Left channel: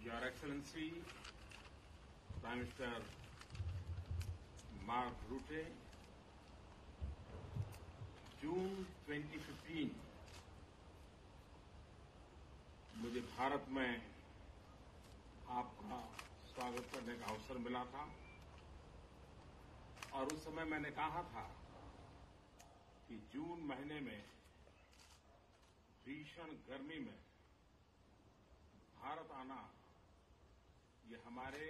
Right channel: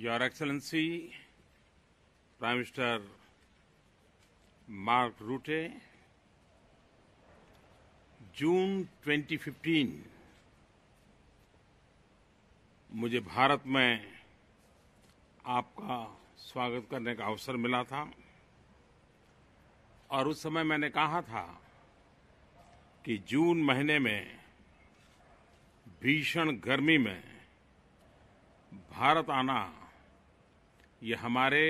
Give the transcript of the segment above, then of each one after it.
Your Excellency, Prime Minister Mark Rutte, जून 2015 मुझे भारत में आपका स्वागत करने का अवसर मिला था और उस समय मैंने कहा था कि जून महीने में भीषण गर्मी में भारत आना ये हमारे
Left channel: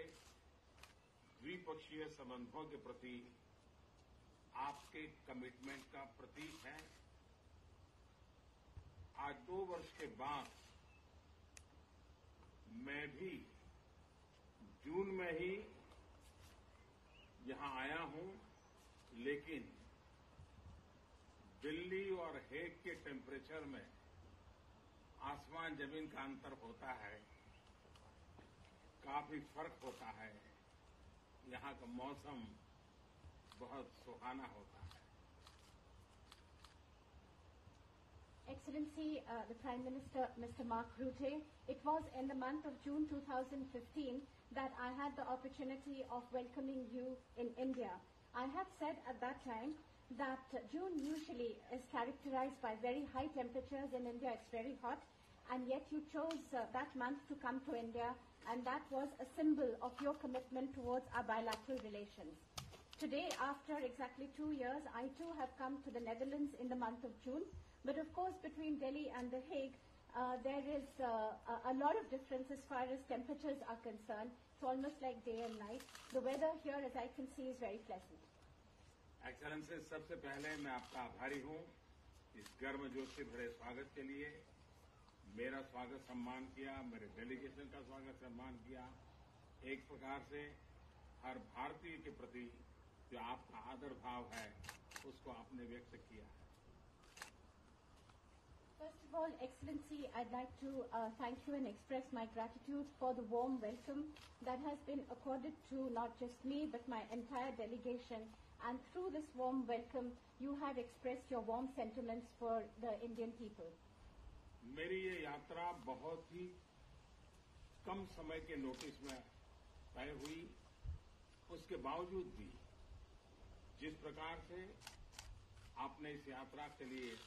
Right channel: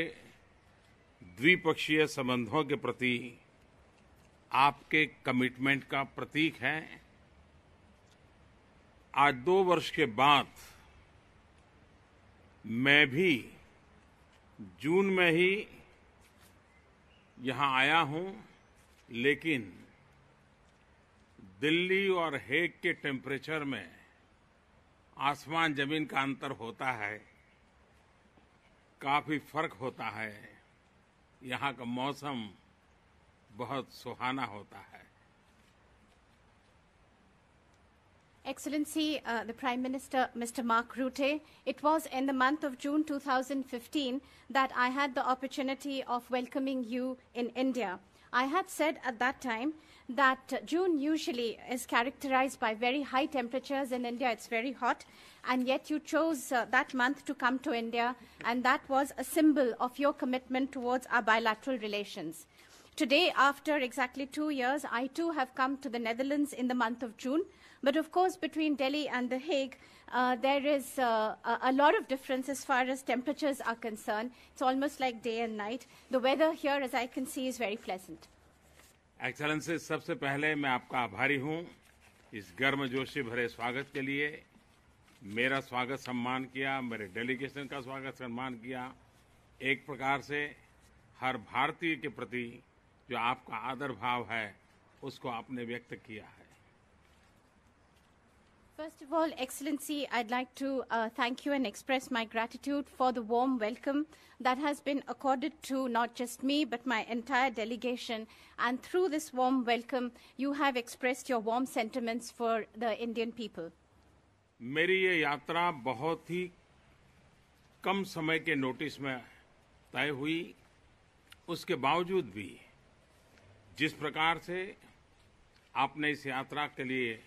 द्विपक्षीय संबंधों के प्रति आपके कमिटमेंट का प्रतीक है। आज 2 वर्ष के बाद मैं भी जून में ही यहां आया हूं, लेकिन दिल्ली और हेग के टेम्परेचर में आसमान जमीन का अंतर होता है, काफी फर्क होता है। यहां का मौसम बहुत सुहाना होता है। Excellency, the Prime Minister, Mr. Mark Rutte, it was in the month of June 2015 that I had the opportunity of welcoming you in India. I had said at that time that June usually is characterized by very high temperatures in India. It's very hot, and yet you chose that month to come to India, and that was a symbol of your commitment towards our bilateral relations. Today, after exactly 2 years, I too have come to the Netherlands in the month of June. But of course, between Delhi and The Hague, there is a lot of difference as far as temperatures are concerned. It's almost like day and night. The weather here, as I can see, is very pleasant. Excellency, सबसे पहले मैं आपका आभारी हूं इस गर्मजोशी भरे स्वागत के लिए। मेरा स्वागत सम्मान किया, मेरे डेलीगेशन का स्वागत सम्मान किया। एक प्रकार से हर भारतीय के प्रति जो आपका आदर भाव है उसको आपने व्यक्त किया है। First of all, Excellency, I'd like to thank you and express my gratitude for the warm welcome that has been accorded to not just me but my entire delegation. And through this warm welcome, you have expressed your warm sentiments for the Indian people. मेरी ये यात्रा बहुत ही कम समय के notice में तय हुई। उसके बावजूद भी जिस प्रकार से आपने इस यात्रा के लिए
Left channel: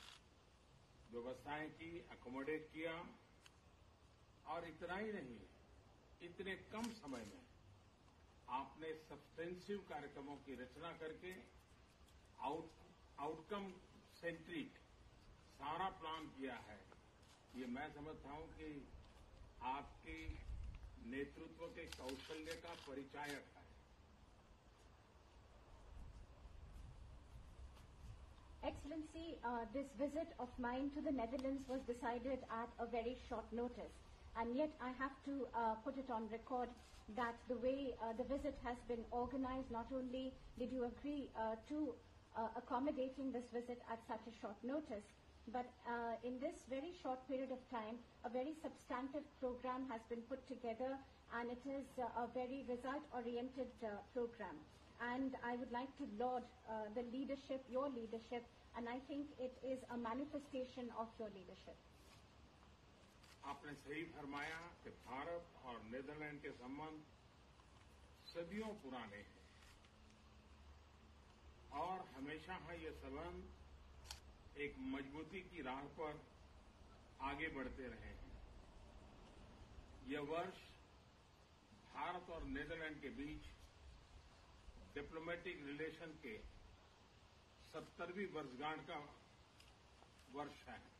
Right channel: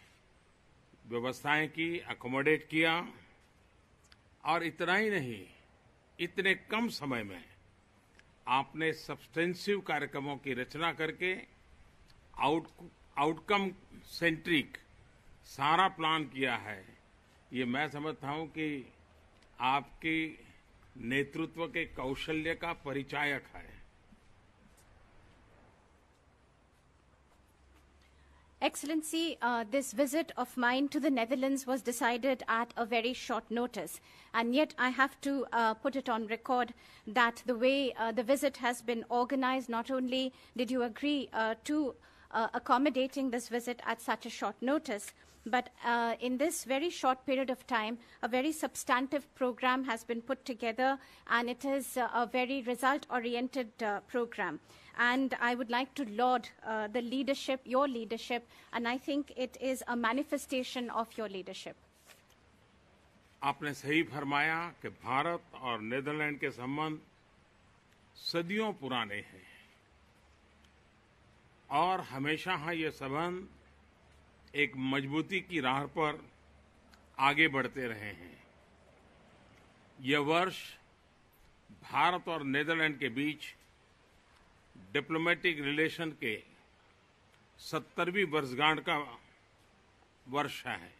व्यवस्थाएं की, अकोमोडेट किया, और इतना ही नहीं, इतने कम समय में आपने सब्सटेंसिव कार्यक्रमों की रचना करके आउटकम सेंट्रिक सारा प्लान किया है। ये मैं समझता हूं कि आपकी नेतृत्व के कौशल्य का परिचायक है। Excellency, this visit of mine to the Netherlands was decided at a very short notice. And yet I have to put it on record that the way the visit has been organized, not only did you agree to accommodating this visit at such a short notice, but in this very short period of time, a very substantive program has been put together, and it is a very result-oriented program. And I would like to laud the leadership, your leadership, and I think it is a manifestation of your leadership. आपने सही फरमाया कि भारत और Netherlands के संबंध सदियों पुराने हैं और हमेशा ये संबंध एक मजबूती की राह पर आगे बढ़ते रहे हैं। यह वर्ष भारत और नीदरलैंड के बीच डिप्लोमेटिक रिलेशन के 70वीं वर्षगांठ का वर्ष है,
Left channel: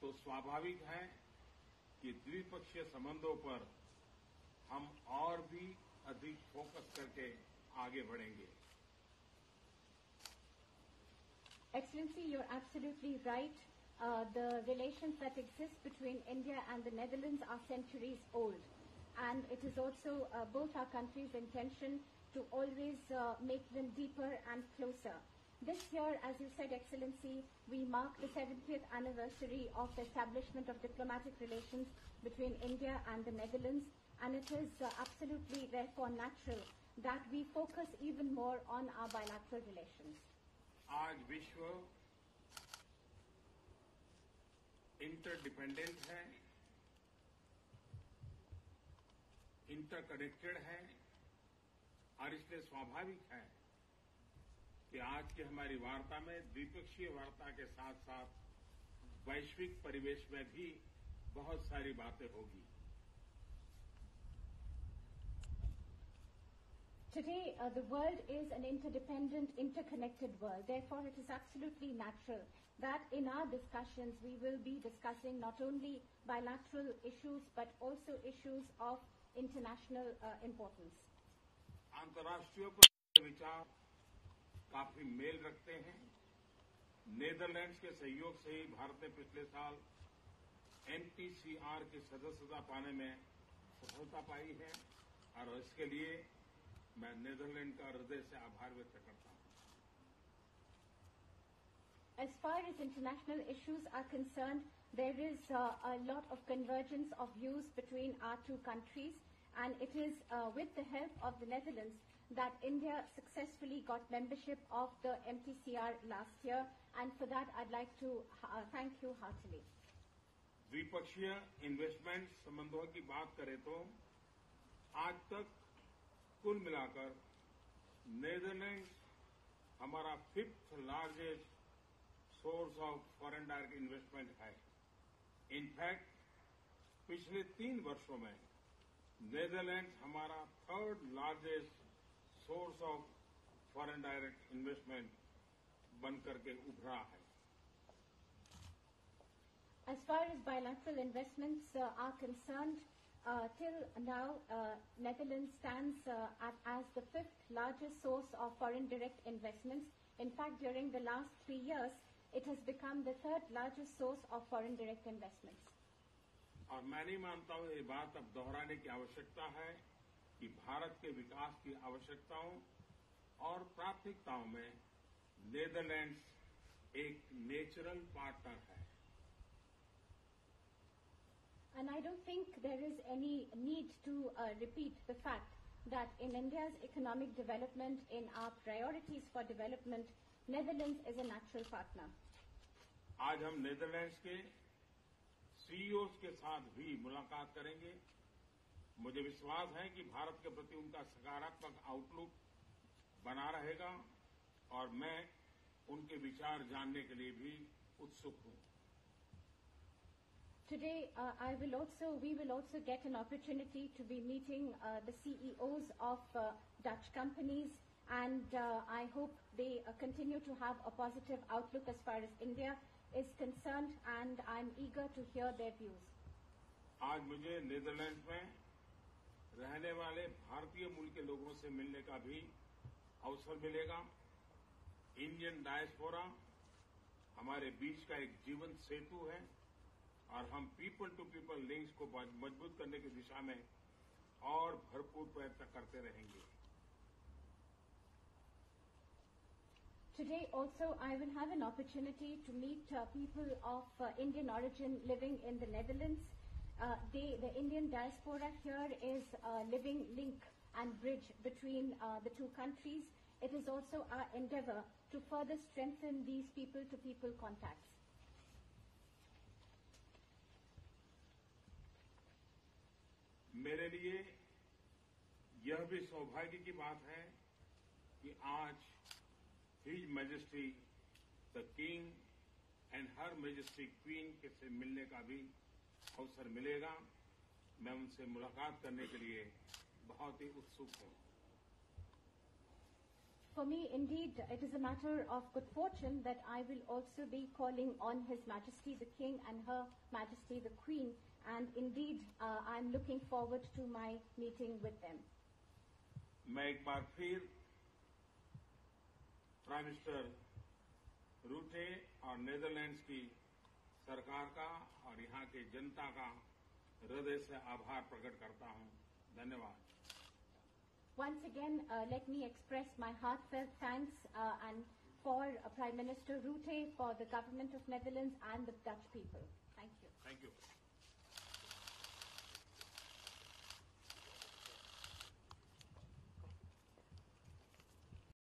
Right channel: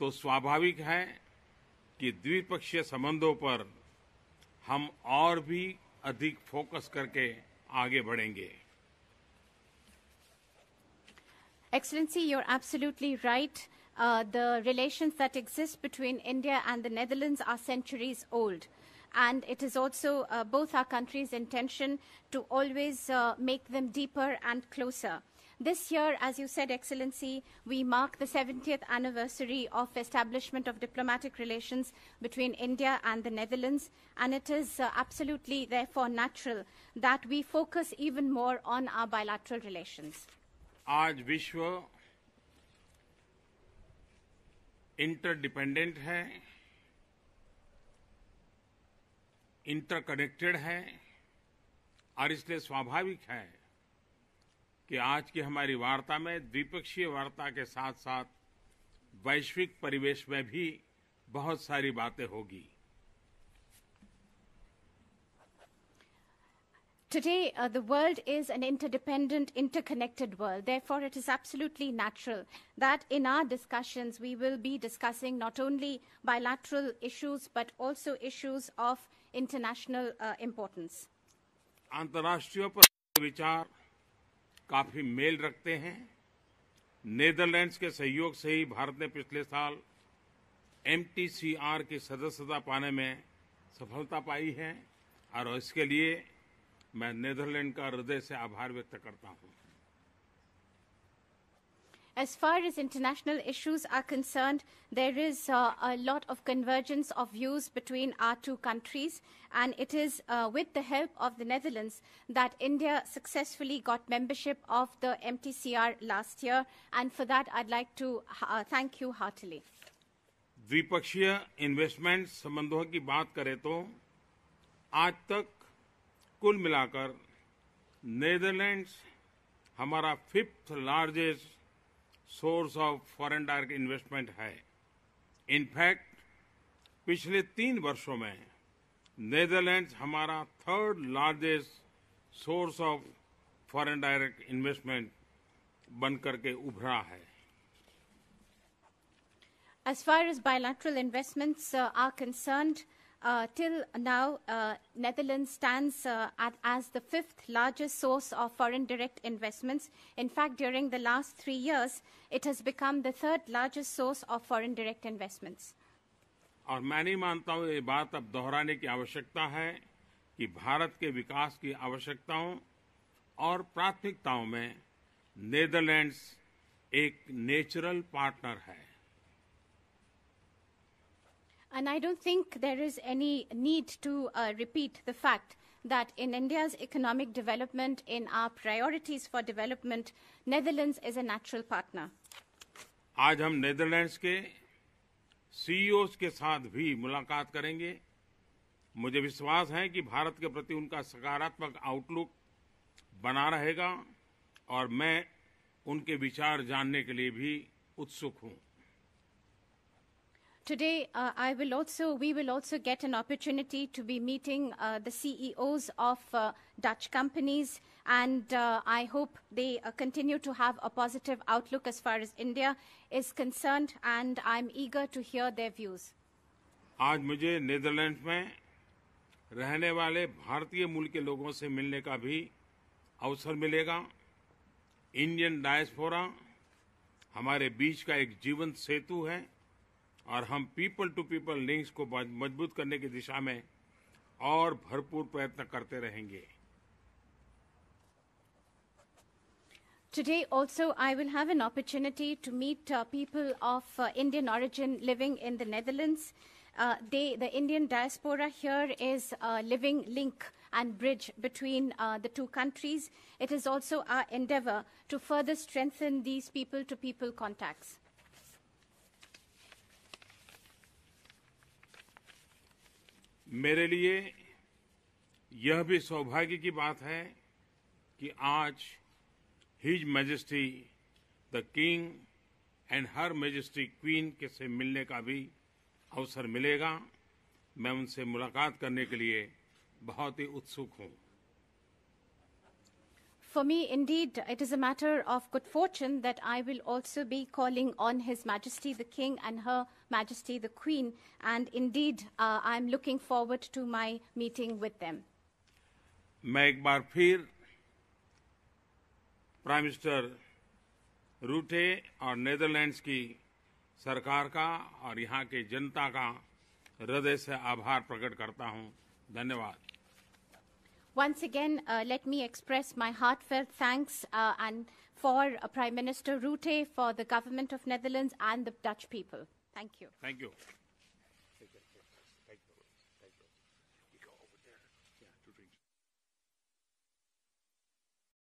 तो स्वाभाविक है कि द्विपक्षीय संबंधों पर हम और भी अधिक फोकस करके आगे बढ़ेंगे। Excellency, you're absolutely right. The relations that exist between India and the Netherlands are centuries old. And it is also both our countries' intention to always make them deeper and closer. This year, as you said, Excellency, we mark the 70th anniversary of establishment of diplomatic relations between India and the Netherlands, and it is absolutely, therefore, natural that we focus even more on our bilateral relations. आज विश्व interdependent है, interconnected है और इसलिए स्वाभाविक है कि आज की हमारी वार्ता में द्विपक्षीय वार्ता के साथ साथ वैश्विक परिवेश में भी बहुत सारी बातें होगी। Today, the world is an interdependent, interconnected world. Therefore, it is absolutely natural that in our discussions, we will be discussing not only bilateral issues, but also issues of international importance. अंतर्राष्ट्रीय पर विचार काफी mail रखते हैं। Netherlands के सहयोग से ही भारत ने पिछले साल MTCR की सदस्यता पाने में सफलता पाई है और इसके लिए मैं नेदरलैंड का हृदय से आभार व्यक्त करता हूं। As far as international issues are concerned, there is a lot of convergence of views between our two countries, and it is with the help of the Netherlands that India successfully got membership of the MTCR last year, and for that I'd like to thank you heartily. द्विपक्षीय investment संबंधों की बात करें तो आज तक कुल मिलाकर नेदरलैंड्स हमारा 5th largest source of foreign direct investment है। इनफैक्ट पिछले 3 वर्षों में नेदरलैंड्स हमारा 3rd largest source of foreign direct investment बनकर के उभरा है। As far as bilateral investments are concerned, till now, Netherlands stands as the 5th largest source of foreign direct investments. In fact, during the last 3 years, it has become the 3rd largest source of foreign direct investments. और मैं नहीं मानता हूं ये बात अब दोहराने की आवश्यकता है कि भारत के विकास की आवश्यकताओं और प्राथमिकताओं में नेदरलैंड्स एक नेचुरल पार्टनर है। And I don't think there is any need to repeat the fact that in India's economic development, in our priorities for development, Netherlands is a natural partner. आज हम नेदरलैंड्स के CEOs के साथ भी मुलाकात करेंगे। मुझे विश्वास है कि भारत के प्रति उनका सकारात्मक आउटलुक बना रहेगा और मैं उनके विचार जानने के लिए भी उत्सुक हूं। Today, we will also get an opportunity to be meeting the CEOs of Dutch companies, and I hope they continue to have a positive outlook as far as India is concerned, and I'm eager to hear their views. आज मुझे Netherlands में रहने वाले भारतीय मूल के लोगों से मिलने का भी अवसर मिलेगा। इंडियन डायस्पोरा हमारे बीच का एक जीवंत सेतु है और हम पीपल टू पीपल लिंक्स को मजबूत करने की दिशा में और भरपूर प्रयत्न करते रहेंगे। Today also I will have an opportunity to meet people of Indian origin living in the Netherlands. The Indian diaspora here is a living link and bridge between the two countries. It is also our endeavor to further strengthen these people-to-people contacts. मेरे लिए यह भी सौभाग्य की बात है कि आज his majesty the king and her majesty queen के से मिलने का भी अवसर मिलेगा। मैं उनसे मुलाकात करने के लिए बहुत ही उत्सुक हूं। For me, indeed, it is a matter of good fortune that I will also be calling on His Majesty the King and Her Majesty the Queen, and indeed, I'm looking forward to my meeting with them. मैं एक बार फिर prime minister रूटे और Netherlands की सरकार का और यहाँ के जनता का हृदय से आभार प्रकट करता हूँ। धन्यवाद। Once again, let me express my heartfelt thanks and for Prime Minister Rutte, for the government of Netherlands and the Dutch people. Thank you. Thank you.